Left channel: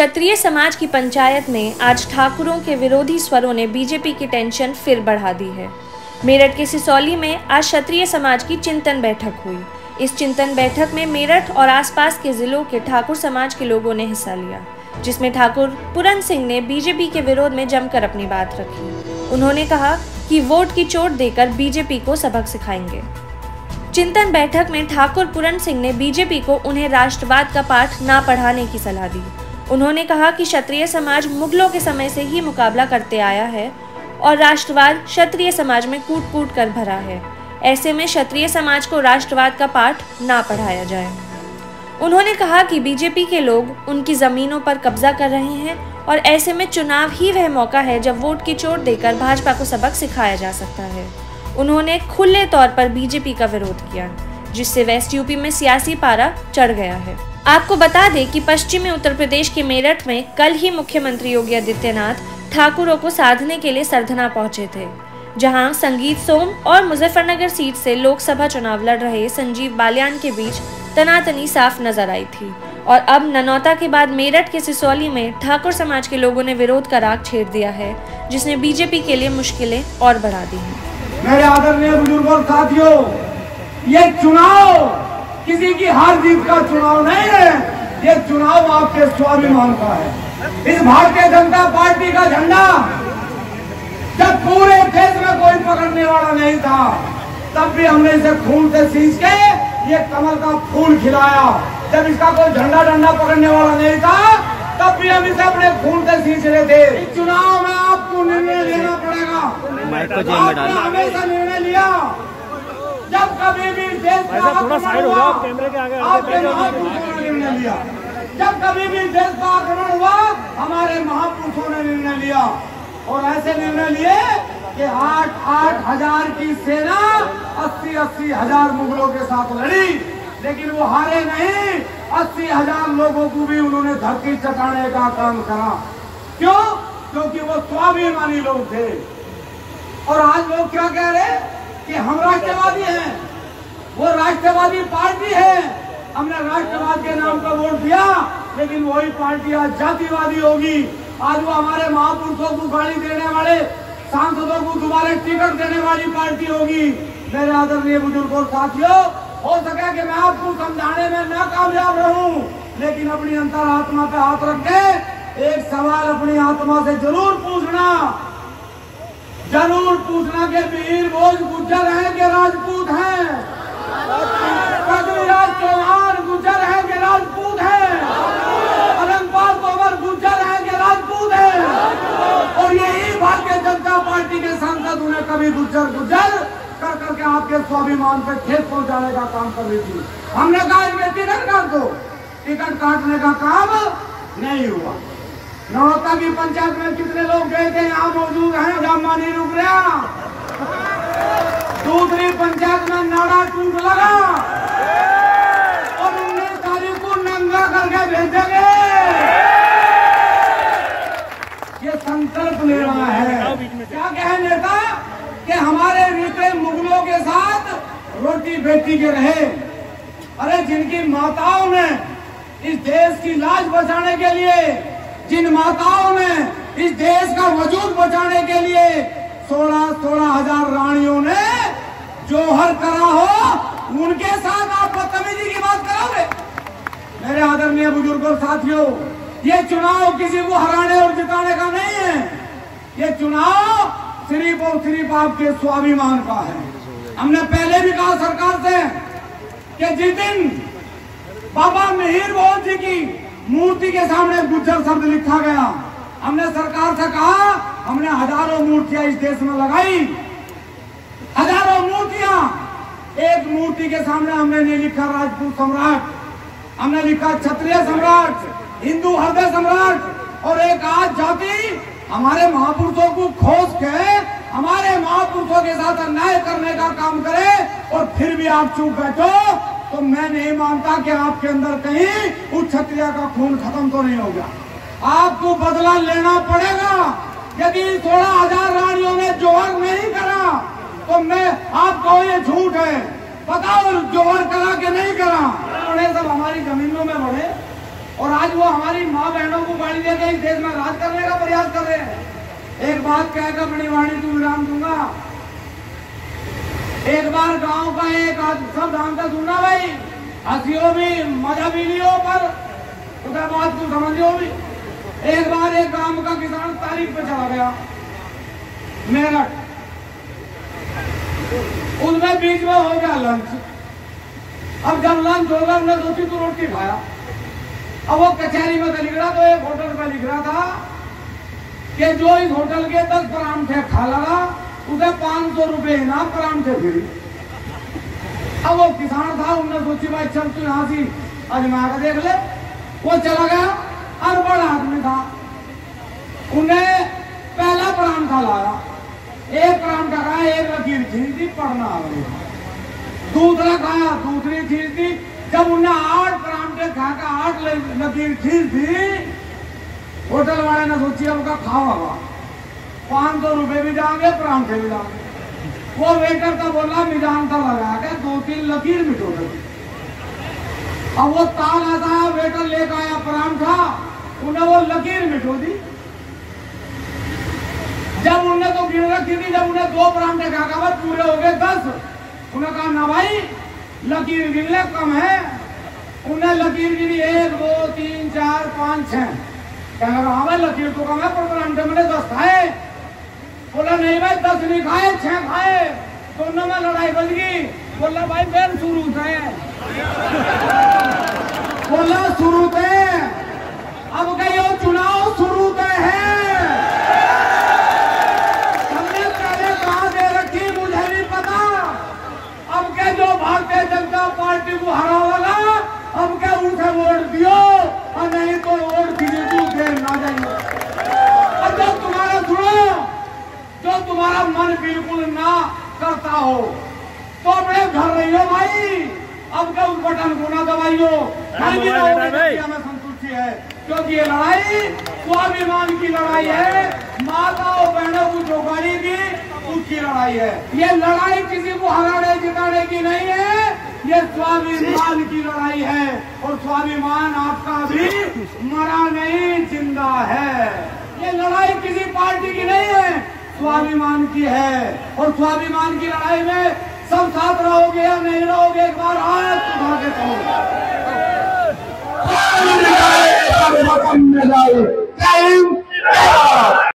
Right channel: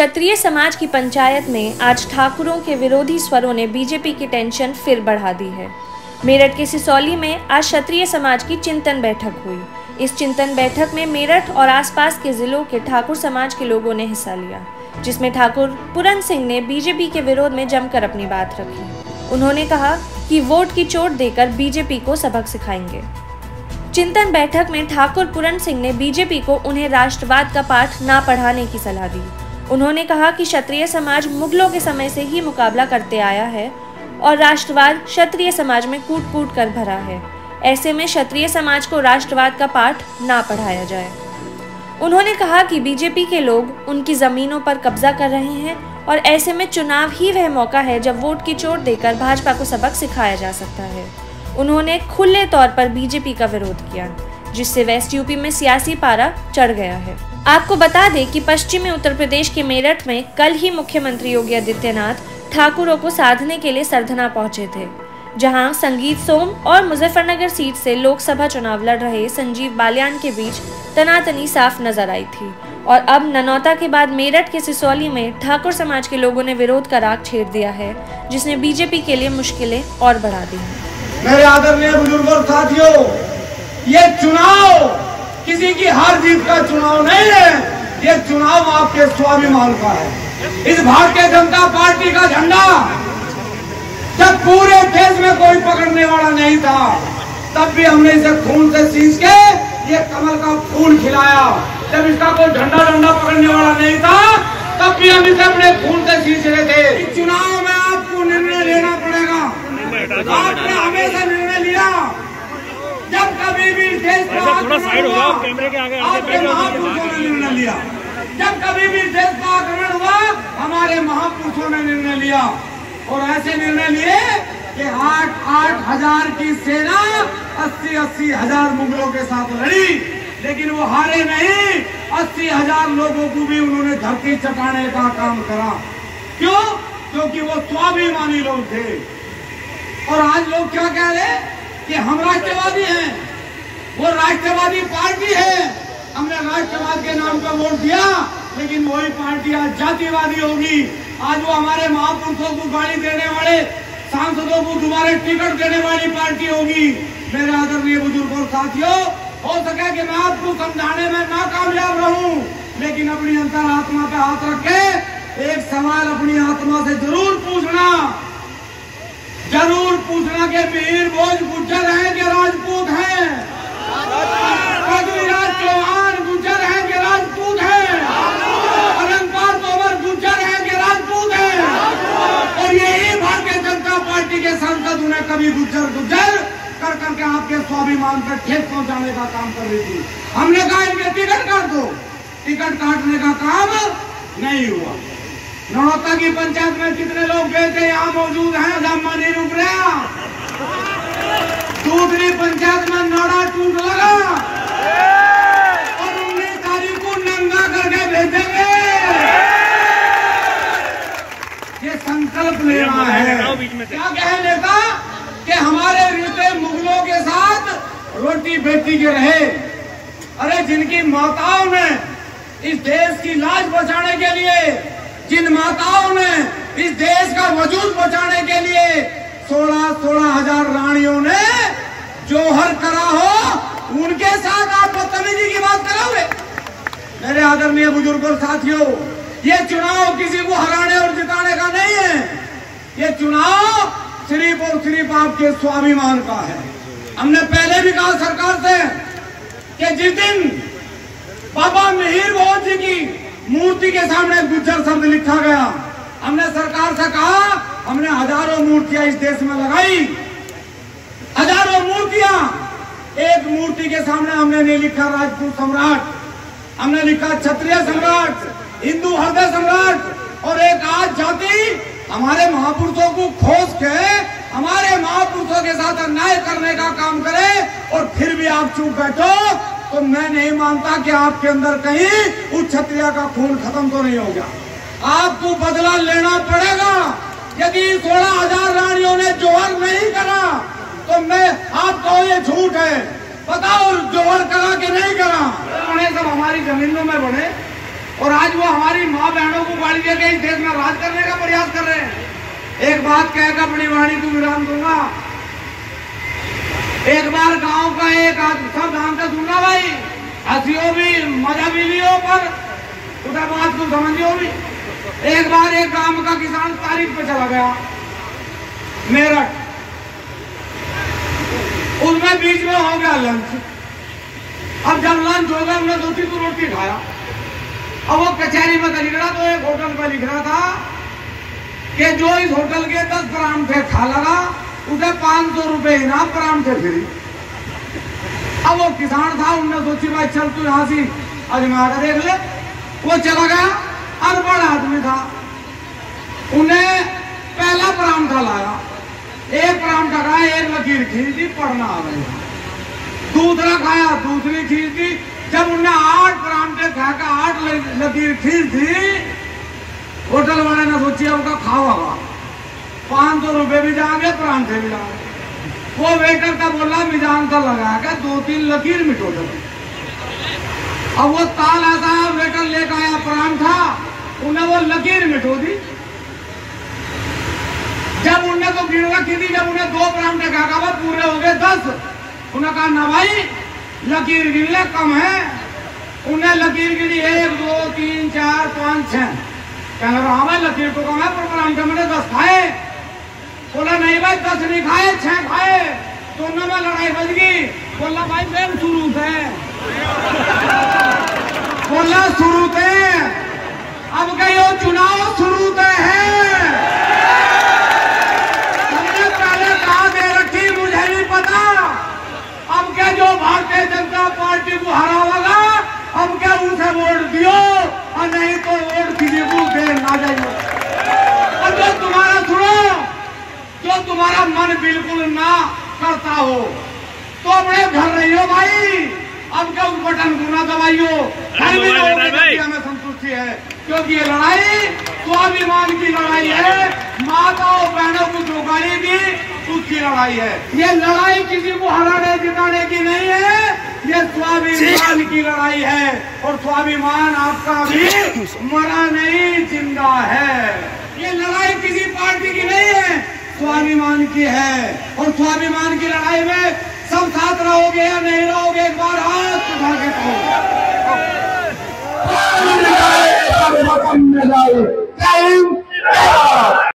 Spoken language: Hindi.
क्षत्रिय समाज की पंचायत में आज ठाकुरों के विरोधी स्वरों ने बीजेपी की टेंशन फिर बढ़ा दी है। मेरठ के सिसौली में आज क्षत्रिय समाज की चिंतन बैठक हुई। इस चिंतन बैठक में मेरठ और आसपास के जिलों के ठाकुर समाज के लोगों ने हिस्सा लिया, जिसमें ठाकुर पूरन सिंह ने बीजेपी के विरोध में जमकर अपनी बात रखी। उन्होंने कहा कि वोट की चोट देकर बीजेपी को सबक सिखाएंगे। चिंतन बैठक में ठाकुर पूरन सिंह ने बीजेपी को उन्हें राष्ट्रवाद का पाठ ना पढ़ाने की सलाह दी। उन्होंने कहा कि क्षत्रिय समाज मुगलों के समय से ही मुकाबला करते आया है और राष्ट्रवाद क्षत्रिय समाज में कूट कूट कर भरा है। ऐसे में क्षत्रिय समाज को राष्ट्रवाद का पाठ ना पढ़ाया जाए। उन्होंने कहा कि बीजेपी के लोग उनकी जमीनों पर कब्जा कर रहे हैं और ऐसे में चुनाव ही वह मौका है जब वोट की चोट देकर भाजपा को सबक सिखाया जा सकता है। उन्होंने खुले तौर पर बीजेपी का विरोध किया, जिससे वेस्ट यूपी में सियासी पारा चढ़ गया है। आपको बता दें कि पश्चिमी उत्तर प्रदेश के मेरठ में कल ही मुख्यमंत्री योगी आदित्यनाथ ठाकुरों को साधने के लिए सरधना पहुंचे थे, जहां संगीत सोम और मुजफ्फरनगर सीट से लोकसभा चुनाव लड़ रहे संजीव बालियान के बीच तनातनी साफ नजर आई थी। और अब ननौता के बाद मेरठ के सिसौली में ठाकुर समाज के लोगों ने विरोध का राग छेड़ दिया है, जिसने बीजेपी के लिए मुश्किलें और बढ़ा दी हैं। मेरे आदरणीय बुजुर्गों और साथियों, ये चुनाव किसी की हार जीत का चुनाव नहीं है, ये चुनाव आपके स्वाभिमान का है। इस भारतीय जनता पार्टी का झंडा जब पूरे देश में कोई पकड़ने वाला नहीं था, तब भी हमने इसे खून से सींच के ये कमल का फूल खिलाया। जब इसका कोई झंडा डंडा पकड़ने वाला नहीं था, तब भी हम इसे अपने खून से सींच रहे थे। इस चुनाव में आपको निर्णय लेना पड़ेगा। आपने हमेशा निर्णय लिया, जब कभी भी देश का थोड़ा साइड हो जाओ, कैमरे के आगे आपके महापुरुषों ने निर्णय लिया। जब कभी भी देश का आक्रमण हुआ, हमारे महापुरुषों ने निर्णय लिया और ऐसे निर्णय लिए कि 8-8 हजार की सेना 80-80 हजार मुगलों के साथ लड़ी, लेकिन वो हारे नहीं। 80 हजार लोगों को भी उन्होंने धरती चटाने का काम करा। क्यों? क्योंकि वो स्वाभिमानी लोग थे। और आज लोग क्या कह रहे कि हम राष्ट्रवादी हैं, वो राष्ट्रवादी पार्टी है, हमने राष्ट्रवाद के नाम पर वोट दिया, लेकिन वही पार्टी आज जातिवादी होगी। आज वो हमारे महापुरुषों को गाड़ी देने वाले सांसदों को दोबारा टिकट देने वाली पार्टी होगी। मेरे आदरणीय बुजुर्गों और साथियों, हो सके कि मैं आपको समझाने में नाकामयाब रहूं, लेकिन अपनी अंतरात्मा पे हाथ रख के एक सवाल अपनी आत्मा से जरूर पूछना कि वीर भोज गुज्जर हैं कि राजपूत हैं? पृथ्वीराज चौहान गुज्जर हैं कि राजपूत हैं? अनंतपाल तोमर गुज्जर हैं कि राजपूत हैं? और यही भारतीय जनता पार्टी के सांसद उन्हें कभी गुज्जर कर करके आपके स्वाभिमान पर ठेस पहुंचाने का काम कर रही थी। हमने कहा इनके टिकट काट दो, टिकट काटने का काम नहीं हुआ। ननौता की पंचायत में कितने लोग गए थे, यहाँ मौजूद हैं, लम्बा नहीं रुक रहा। दूसरी पंचायत में नाड़ा टूट लगा और 19 तारीख को नंगा करके भेजेंगे। ये संकल्प लेना है। क्या कहे नेता कि हमारे रीते मुगलों के साथ रोटी बेटी के रहे। अरे जिनकी माताओं ने इस देश की लाज बचाने के लिए, जिन माताओं ने इस देश का वजूद बचाने के लिए 16 हजार रानियों ने जोहर करा हो, उनके साथ आप बदतमीजी की बात करोगे? मेरे आदरणीय बुजुर्गों साथियों, ये चुनाव किसी को हराने और जिताने का नहीं है। ये चुनाव सिर्फ और सिर्फ आपके स्वाभिमान का है। हमने पहले भी कहा सरकार से कि जिस दिन बाबा मिहिर भोज जी की मूर्ति के सामने गुज्जर शब्द लिखा गया, हमने सरकार से कहा, हमने हजारों मूर्तियां इस देश में लगाई, हजारों मूर्तियां। एक मूर्ति के सामने हमने नहीं लिखा राजपूत सम्राट, हमने लिखा क्षत्रिय सम्राट, हिंदू हृदय सम्राट। और एक आज जाति हमारे महापुरुषों को खोज के हमारे महापुरुषों के साथ अन्याय करने का काम करे और फिर भी आप चुप बैठो, तो मैं नहीं मानता कि आपके अंदर कहीं उस क्षत्रिय का खून खत्म तो नहीं होगा। आपको बदला लेना पड़ेगा। यदि 16 हजार रानियों ने जोहर नहीं करा, तो मैं आपको ये झूठ है, बताओ जोहर करा कि नहीं करा? सब हमारी जमीनों में बढ़े और आज वो हमारी माँ बहनों को गाड़ी देके इस देश में राज करने का प्रयास कर रहे हैं। एक बात कहकर अपनी वाणी को विराम दूंगा। एक बार गांव का एक सब ध्यान से सुनना भाई, हंसियो भी मजा भी लियो पर उधर बात को समझियो भी। एक बार एक गांव का किसान तारीख पे चला गया मेरठ, उसमें बीच में हो गया लंच। अब जब लंच हो गया हमने दूसरी तो रोटी खाया। अब वो कचहरी में लिख रहा, तो एक होटल में लिख रहा था कि जो इस होटल के 10 परांठे खा लगा उसे 500 रुपए इनाम परांठे फ्री। अब वो किसान था, उन्होंने सोची भाई चल तू यहाँ से आजमा कर देख ले। वो चला गया, अनपढ़ आदमी था, उन्हें पहला परांठा लाया, एक परांठा खाया, एक लकीर खींच दी, पढ़ना आ गई। दूसरा खाया, दूसरी खींच दी। जब उन्हें 8 परांठे खाकर 8 लकीर खींच दी, होटल वाले ने सोची उनका खावागा 500 रुपए भी जाएंगे, परांठे भी जाएंगे। वो वेटर का बोला मिजान था लगा के 2-3 लकीर मिटो दे। अब वो ताल ऐसा वेटर लेकर आया परांठा, उन्हें वो लकीर मिटो दी। जब उन्हें तो गिर रखी थी, जब उन्हें 2 परांठे खा पूरे हो गए 10, उन्हें कहा ना भाई लकीर गिनले कम है। उन्हें लकीर गिनी 1 2 3 4 5 6। कहने लगा हाँ भाई लकीर तो कम है, पर परांठे मैंने 10 खाए। बोला नहीं भाई 10 नहीं खाए, 6 खाए। दोनों में लड़ाई बज गई। बोला भाई मेम शुरू थे, बोला शुरू थे, अब कहीं चुनाव शुरू थे है। हमने पहले कहा दे रखी, मुझे भी पता। अब क्या जो भारतीय जनता पार्टी को हरावेगा, अब क्या उसे वोट दियो, और नहीं तो वोट किसी को दे ना जाइए। और जो तुम्हारा सुनो, जो तुम्हारा मन बिल्कुल ना करता हो तो अपने घर रहियो भाई। अब क्या उस बटन को ना दबाइयो, हमें संतुष्टि है, क्योंकि ये लड़ाई स्वाभिमान की लड़ाई है। माताओं बहनों की जोगाड़ी भी उसकी लड़ाई है। ये लड़ाई किसी को हराने जिताने की नहीं है, ये स्वाभिमान की लड़ाई है। और स्वाभिमान आपका भी मरा नहीं, जिंदा है। ये लड़ाई किसी पार्टी की नहीं है, स्वाभिमान की है। और स्वाभिमान की लड़ाई में सब साथ रहोगे या नहीं रहोगे, एक बार हाथ उठा के कहो।